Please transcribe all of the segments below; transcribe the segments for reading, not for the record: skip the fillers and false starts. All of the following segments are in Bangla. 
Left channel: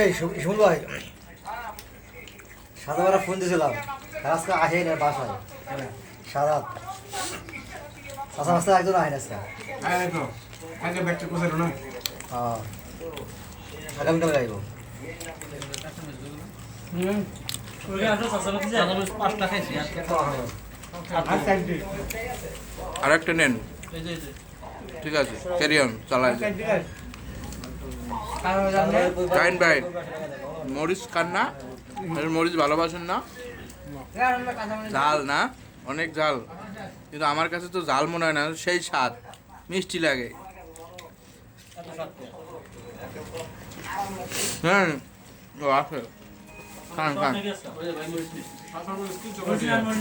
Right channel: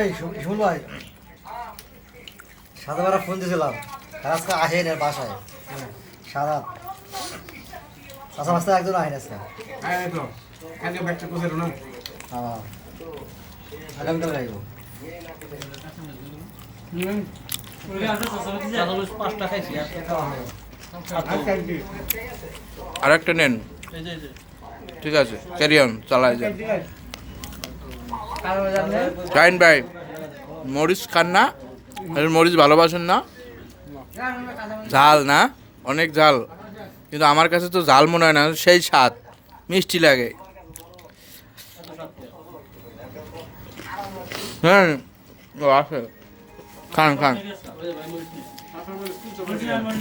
এই শিমুল ভাই, সাদাবেলা ফোন দিয়েছিলাম, আজকে আসেন এর বাসায়। সাদা আচ্ছা রাস্তায় একজন আসেন আজকে। হ্যাঁ, আগামীকাল গাইব। আরেকটা নেন, ঠিক আছে, ক্যারি অন, চালাই যান। টাইম ভাই, মরিচ খান না? মরিচ ভালোবাসেন না? ঝাল না, অনেক ঝাল, কিন্তু আমার কাছে তো ঝাল মনে হয় না, সেই স্বাদ, মিষ্টি লাগে। হ্যাঁ, ও আছে, খান খান,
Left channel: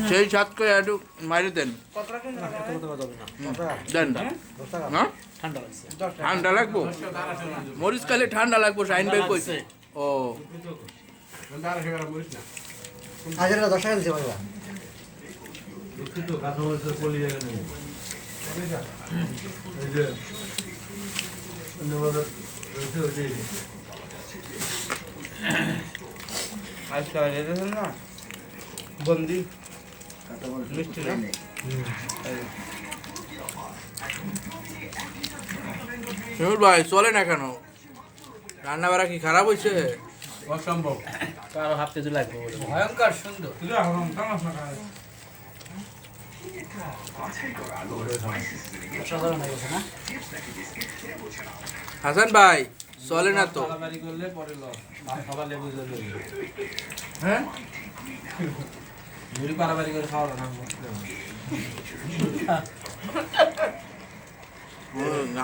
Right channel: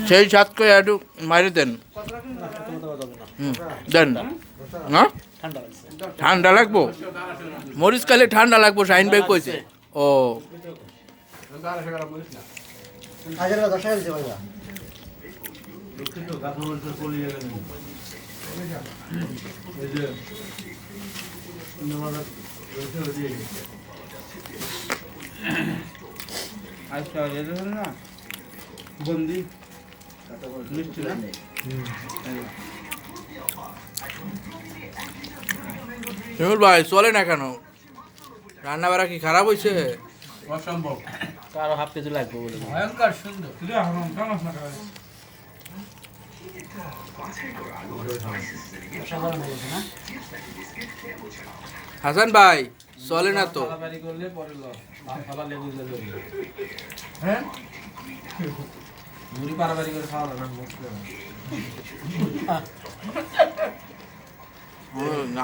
সেই স্বাদ করে একটু মারি দেন। দেন না, ঠান্ডা লাগবো, মরিচ খাইলে ঠান্ডা লাগবো, শাহিন ভাই কইছে। ও আগের 10 টাকা দিতে পারবা। বন্দি মিষ্টি না? শিমুল ভাই চলে না কেন? রান্না বাড়া কি খারাপ হয়েছে? অসম্ভব, আরো হাফ কেজি লাগবে বলে। ভয়ঙ্কর সুন্দর। হাসান ভাই চলে না তো? পারাবারি করলে পরে লস, খাবার লেবু যাবে। হ্যাঁ, মুড়ি পারাবারি করে খাওয়া না।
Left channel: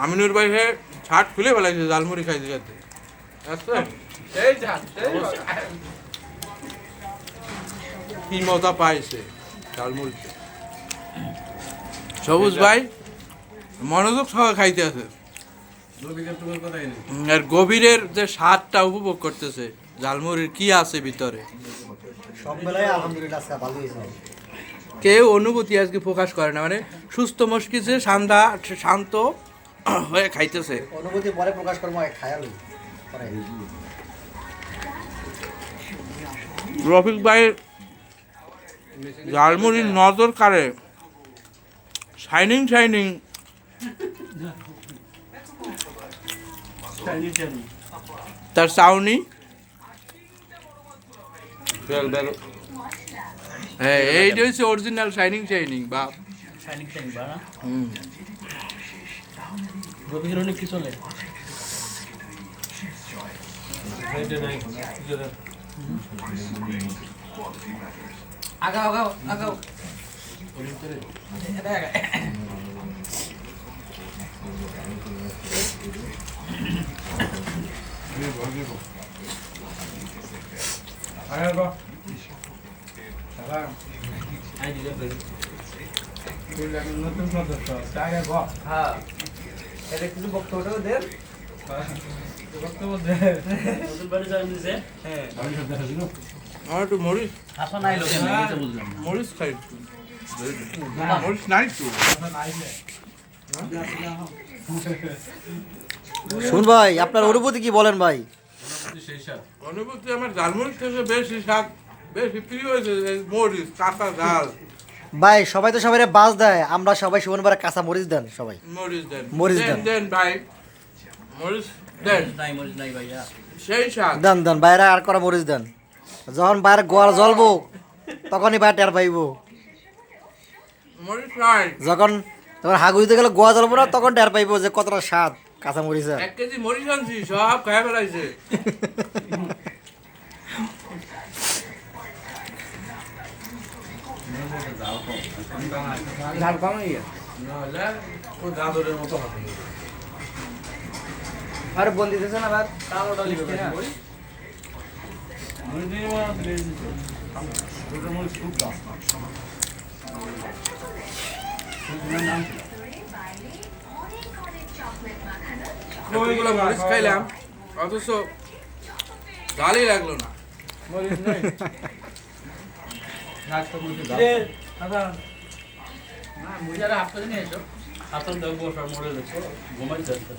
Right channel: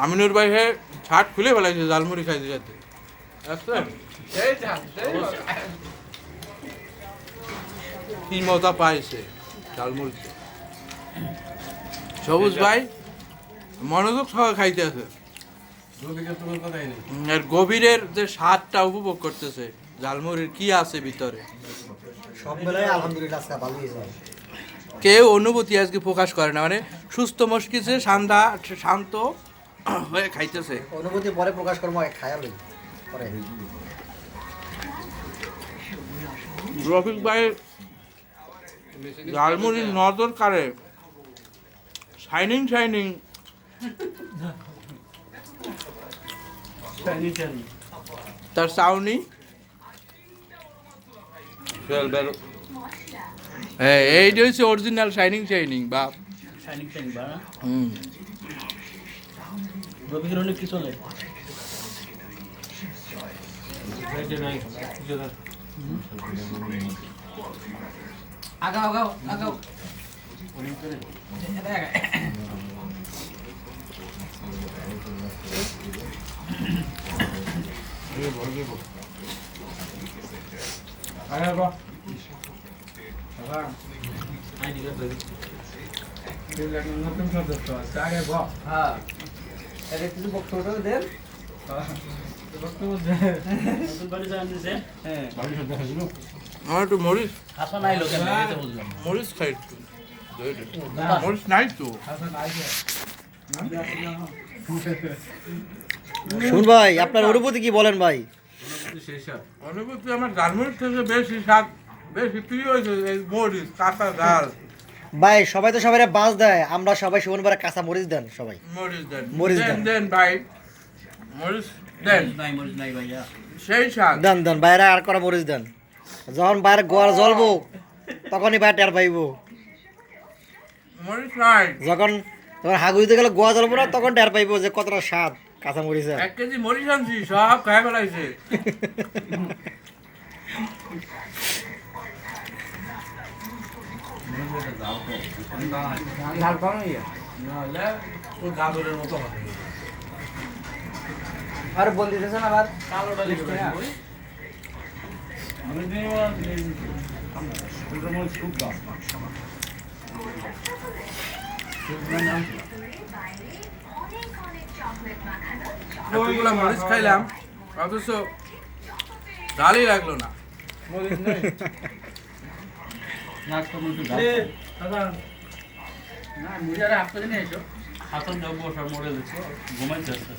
আমিনুর ভাই ছাট খুলে ফেলাইছে ঝালমুড়ি খাইতে যাতে। এই যা, কি মজা পাইছে ঝালমুড়িতে। সবুজ ভাই মনোযোগ সহ খাইতে আছে, আর গভীরের যে স্বাদটা উপভোগ করতেছে, ঝালমুড়ির কি আছে ভিতরে। সব মেলায় আলহামদুলিল্লাহ আজকে ভালো হয়েছে। কেউ অনুভূতি আজকে প্রকাশ করে না, মানে সুস্থ মস্তিষ্কে শান্ত হয়ে খাইতেছে। অনুভূতি পরে প্রকাশ করবো, খায়ালই পরে। রফিক ভাইয়ের ঝালমুড়ির নজর কাড়ে শাইনিং শাইনিং। তার চাউনি, হ্যাঁ এইটা হচ্ছে অরিজিনাল শাইনিং শাইনিং বা শাইনিং শাইনিং বা না? হুম। রবিকের অনেক কি চলে? আগাও আগাও আগাও। হ্যাঁ, এটা কিছু বক্তব্য দেন। নতুন বাড়ি যাওয়া নিছে? হ্যাঁ। আমার একটু মরিচ, আসো নাই লোকে না, এটা বুঝলাম। মরিচ খাই একটু। মরিচ নাই তো। শুন ভাই, আপনার অনুভূতি কি বলেন ভাই? অনুভূতি আমার ঝালমুড়ির থেকে বেশি স্বাদ, বেশি প্রিয় হয়েছে এই মরিচ, কাঁচা ঝাল। ভাই সবাই তো সবাই বাস দেয়, আমরা সবাই সুমনবারে কাঁচা মরিচ দেন সবাই। মরিচ দেন, মরিচ দেন দেন। দেন ভাই, মরিচ দেন, নাই মরিচ নাই ভাইয়া। সেই স্বাদ। দেন দেন বাইরে আর করা মরিচ দেন। যখন বাইরে গোয়ার জ্বলবো তখনই বাইরে টের পাইব। মরিচ নাই, যখন তখন হাগুইতে গেলে গোয়া জ্বলবো না, তখন টের পাইব যে কতটা স্বাদ কাঁচা মরিচের। 1 কেজি মরিচ আনছি, সব খাই ফেলাইছে। ঝাল কম হয়ে গেছে, নাহলে ও দাদরের মতো হবে। আর বন্দি দিতেছেন আবার কালোটা লিখতে না। এতগুলো মরিচ খাইলাম, অথচ ঝালই লাগলো না। না মুড়ি আর হাফ কেজি নিয়ে এসো। হাতল দেবো, সব মোড়ে দেখো, ঘুমাই যাচ্ছে।